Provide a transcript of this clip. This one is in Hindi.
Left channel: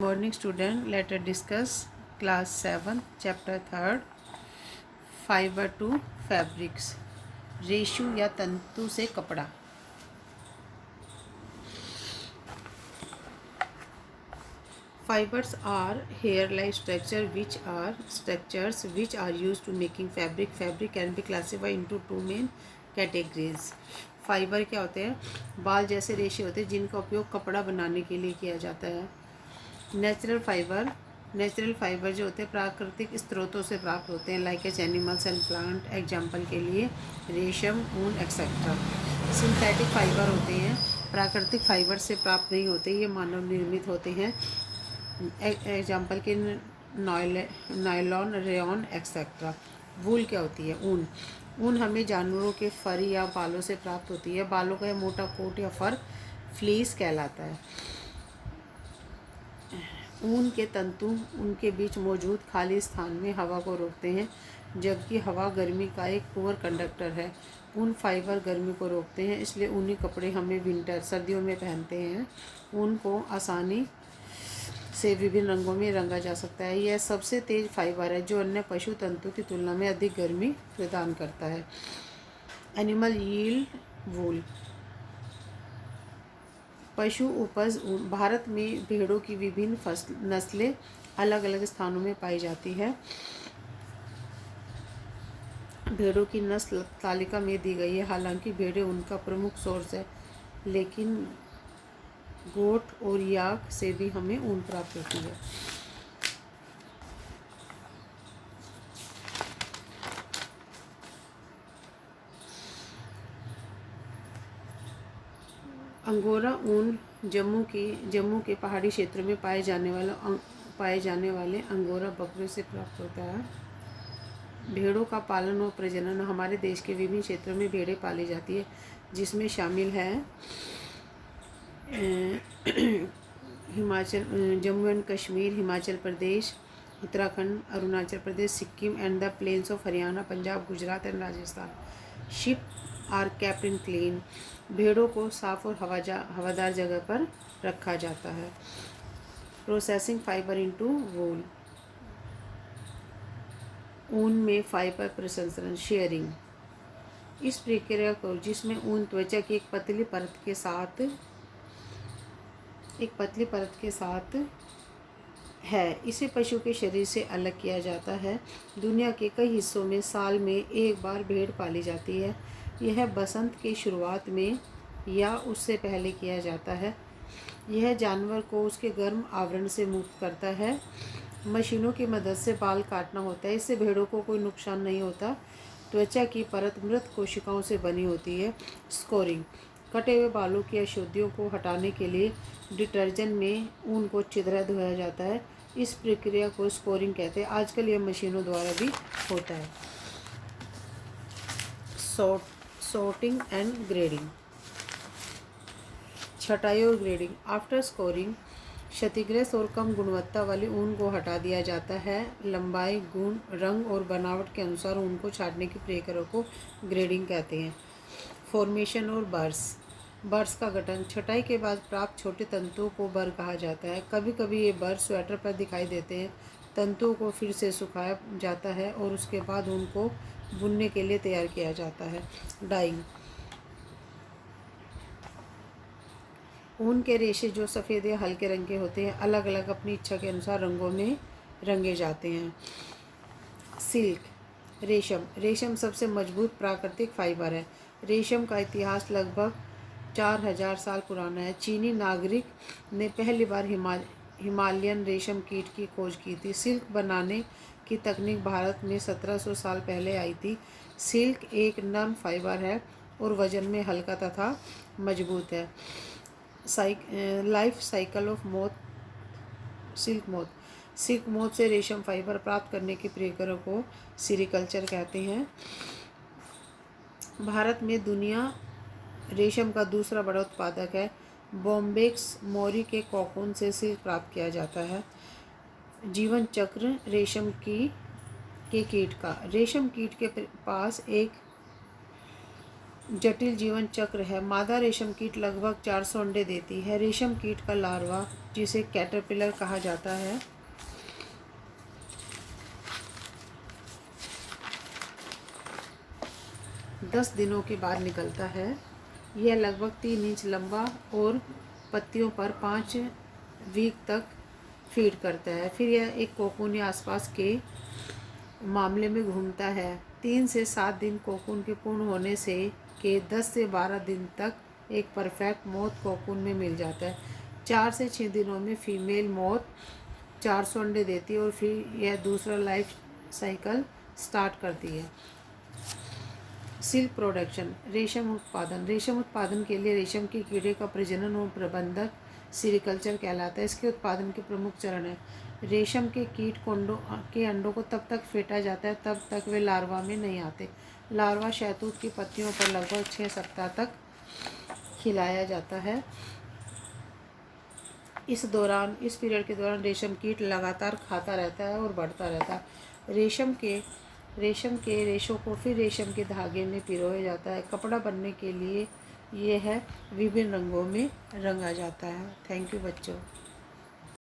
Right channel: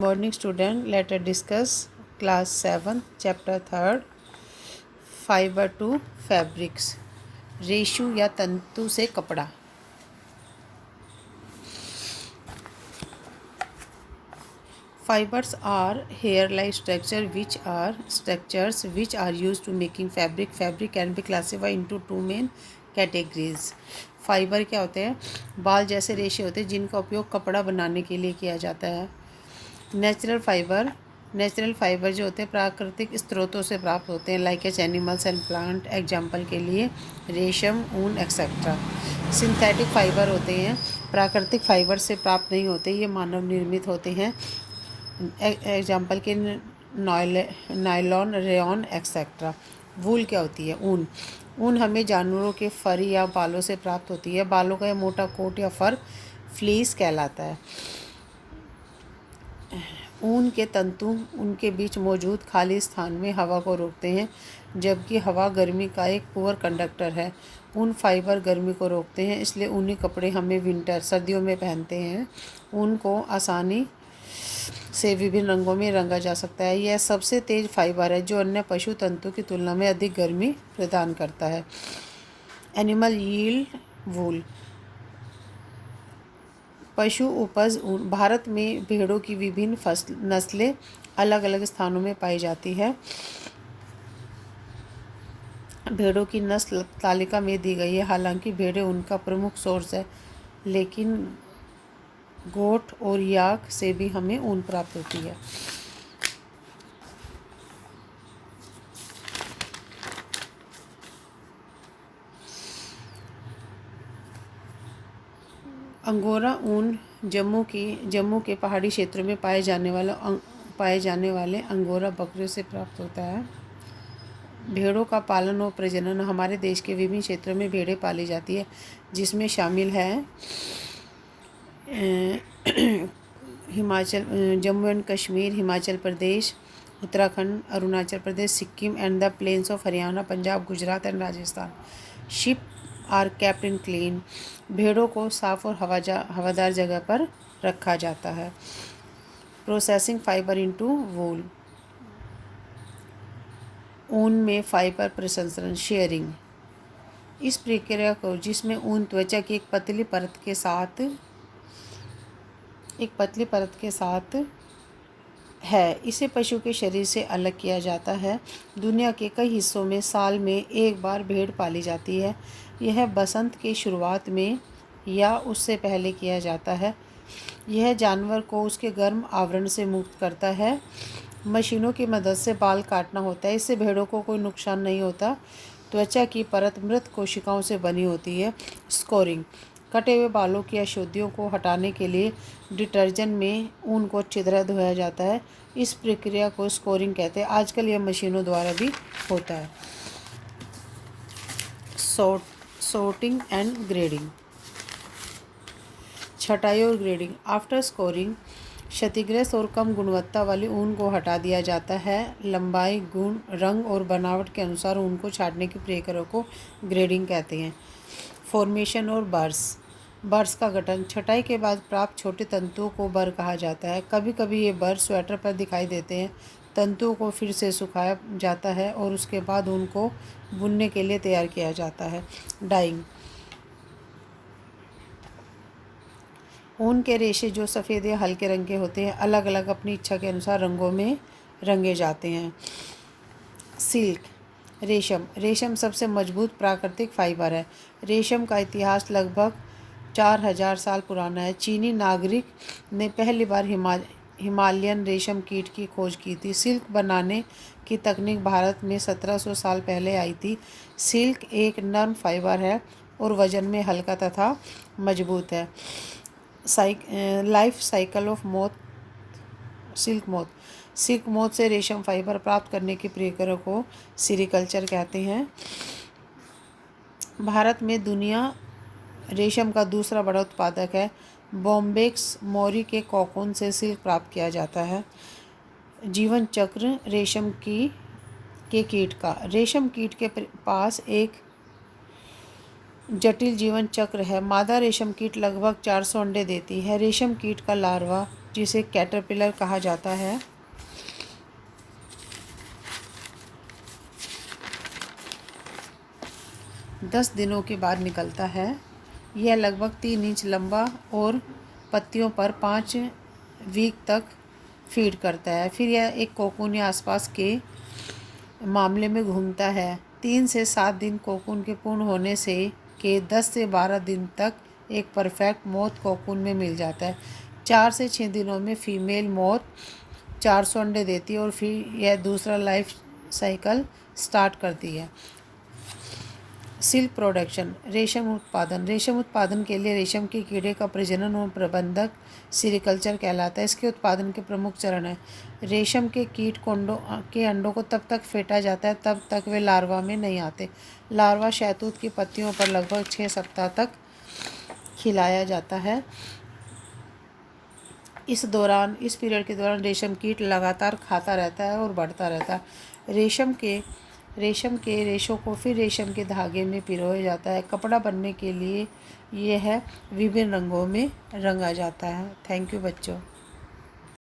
Morning student, let us discuss class 7 chapter 3 fibre to fabrics रेशू या तंतु से कपड़ा। Fibers are hair-like structures which are used to making fabric. Fabric can be classified into two main categories. Fibre क्या होते हैं? बाल जैसे रेशे होते हैं जिनका उपयोग कपड़ा बनाने के लिए किया जाता है। नेचुरल फाइबर जो होते हैं प्राकृतिक स्रोतों से प्राप्त होते हैं, like H animals and plant. Example के लिए रेशम, ऊन एक्सेट्रा। सिंथेटिक फाइबर होते हैं, प्राकृतिक फाइबर से प्राप्त नहीं होते, ये मानव निर्मित होते हैं। एग्जाम्पल के नायलॉन, रेयॉन एक्सेट्रा। वूल क्या होती है? ऊन हमें जानवरों के फर या बालों से प्राप्त होती है। बालों का मोटा कोट या फर फ्लीस कहलाता है। ऊन के तंतु उनके बीच मौजूद खाली स्थान में हवा को रोकते हैं, जबकि हवा गर्मी का एक पुअर कंडक्टर है। ऊन फाइबर गर्मी को रोकते हैं, इसलिए ऊनी कपड़े हमें सर्दियों में पहनते हैं। ऊन को आसानी से विभिन्न रंगों में रंगा जा सकता है। यह सबसे तेज फाइबर है जो अन्य पशु तंतु की तुलना में अधिक गर्मी प्रदान करता है। एनिमल यील्ड वूल। पशु उपज ऊन। भारत में भेड़ों की विभिन्न नस्लें अलग अलग स्थानों में पाई जाती है। भेड़ों की नस्ल तालिका में दी गई है। हालांकि भेड़ें उनका प्रमुख सोर्स है, लेकिन गोट और याक से भी हमें ऊन प्राप्त होती है। अंगोरा ऊन जम्मू के पहाड़ी क्षेत्रों में पाए जाने वाले अंगोरा बकरियों से प्राप्त होता है। भेड़ों का पालन और प्रजनन। हमारे देश के विभिन्न क्षेत्रों में भेड़ें पाली जाती है, जिसमें शामिल है Jammu and Kashmir, Himachal Pradesh, Uttarakhand, Arunachal Pradesh, Sikkim and the plains of Haryana, Punjab, Gujarat and Rajasthan. Sheep are kept in clean. भेड़ों को साफ और हवादार जगह पर रखा जाता है। प्रोसेसिंग फाइबर इनटू वूल। ऊन में फाइबर प्रसंस्करण, शेयरिंग। इस प्रक्रिया को जिसमें ऊन त्वचा की एक पतली परत के साथ है, इसे पशु के शरीर से अलग किया जाता है। दुनिया के कई हिस्सों में साल में एक बार भेड़ पाली जाती है। यह बसंत की शुरुआत में या उससे पहले किया जाता है। यह जानवर को उसके गर्म आवरण से मुक्त करता है। मशीनों की मदद से बाल काटना होता है, इससे भेड़ों को कोई नुकसान नहीं होता। त्वचा की परत मृत कोशिकाओं से बनी होती है। स्कोरिंग। कटे हुए बालों की अशुद्धियों को हटाने के लिए डिटर्जेंट में ऊन को अच्छी तरह धोया जाता है। इस प्रक्रिया को स्कोरिंग कहते हैं। आजकल यह मशीनों द्वारा भी होता है। Sorting and grading. छटाई और ग्रेडिंग। आफ्टर स्कोरिंग, क्षतिग्रस्त और कम गुणवत्ता वाली ऊन को हटा दिया जाता है। लंबाई, गुण, रंग और बनावट के अनुसार ऊन को छांटने की प्रक्रिया को ग्रेडिंग कहते हैं। फॉर्मेशन और बर्स का गठन। छटाई के बाद प्राप्त छोटे तंतुओं को बर कहा जाता है। कभी कभी ये बर स्वेटर पर दिखाई देते हैं। तंतुओं को फिर से सुखाया जाता है और उसके बाद उनको बुनने के लिए तैयार किया जाता है। डाइंग। ऊन के रेशे जो सफ़ेद या हल्के रंग के होते हैं, अलग अलग अपनी इच्छा के अनुसार रंगों में रंगे जाते हैं। सिल्क। रेशम सबसे मजबूत प्राकृतिक फाइबर है। रेशम का इतिहास लगभग 4000 साल पुराना है। चीनी नागरिक ने पहली बार हिमालयन रेशम कीट की खोज की थी। सिल्क बनाने की तकनीक भारत में 1700 साल पहले आई थी। सिल्क एक नर्म फाइबर है और वजन में हल्का तथा मजबूत है। Life cycle of silk moth से रेशम फाइबर प्राप्त करने की प्रक्रिया को सेरीकल्चर कहते हैं। भारत में दुनिया रेशम का दूसरा बड़ा उत्पादक है। बॉम्बेक्स मोरी के कोकून से सिल्क प्राप्त किया जाता है। जीवन चक्र रेशम के कीट का। रेशम कीट के पास एक जटिल जीवन चक्र है। मादा रेशम कीट लगभग 400 अंडे देती है। रेशम कीट का लार्वा जिसे कैटरपिलर कहा जाता है। दस दिनों के बाद निकलता है। यह लगभग 3 इंच लंबा और पत्तियों पर 5 वीक तक फीड करता है। फिर यह एक कोकून या आसपास के मामले में घूमता है। 3 से 7 दिन कोकून के पूर्ण होने से के 10 से 12 दिन तक एक परफेक्ट मोथ कोकून में मिल जाता है। 4 से 6 दिनों में फीमेल मोथ 400 अंडे देती है और फिर यह दूसरा लाइफ साइकिल स्टार्ट करती है। सिल्क प्रोडक्शन, रेशम उत्पादन। रेशम उत्पादन के लिए रेशम के कीड़े का प्रजनन और प्रबंधक सेरिकल्चर कहलाता है। इसके उत्पादन के प्रमुख चरण हैं। रेशम के कीट के अंडों को तब तक फेंटा जाता है तब तक वे लार्वा में नहीं आते। लार्वा शहतूत की पत्तियों पर लगभग 6 सप्ताह तक खिलाया जाता है। इस पीरियड के दौरान रेशम कीट लगातार खाता रहता है और बढ़ता रहता है। रेशम के रेशों को फिर रेशम के धागे में पिरोया जाता है। कपड़ा बनने के लिए यह विभिन्न रंगों में रंगा जाता है। थैंक यू बच्चों।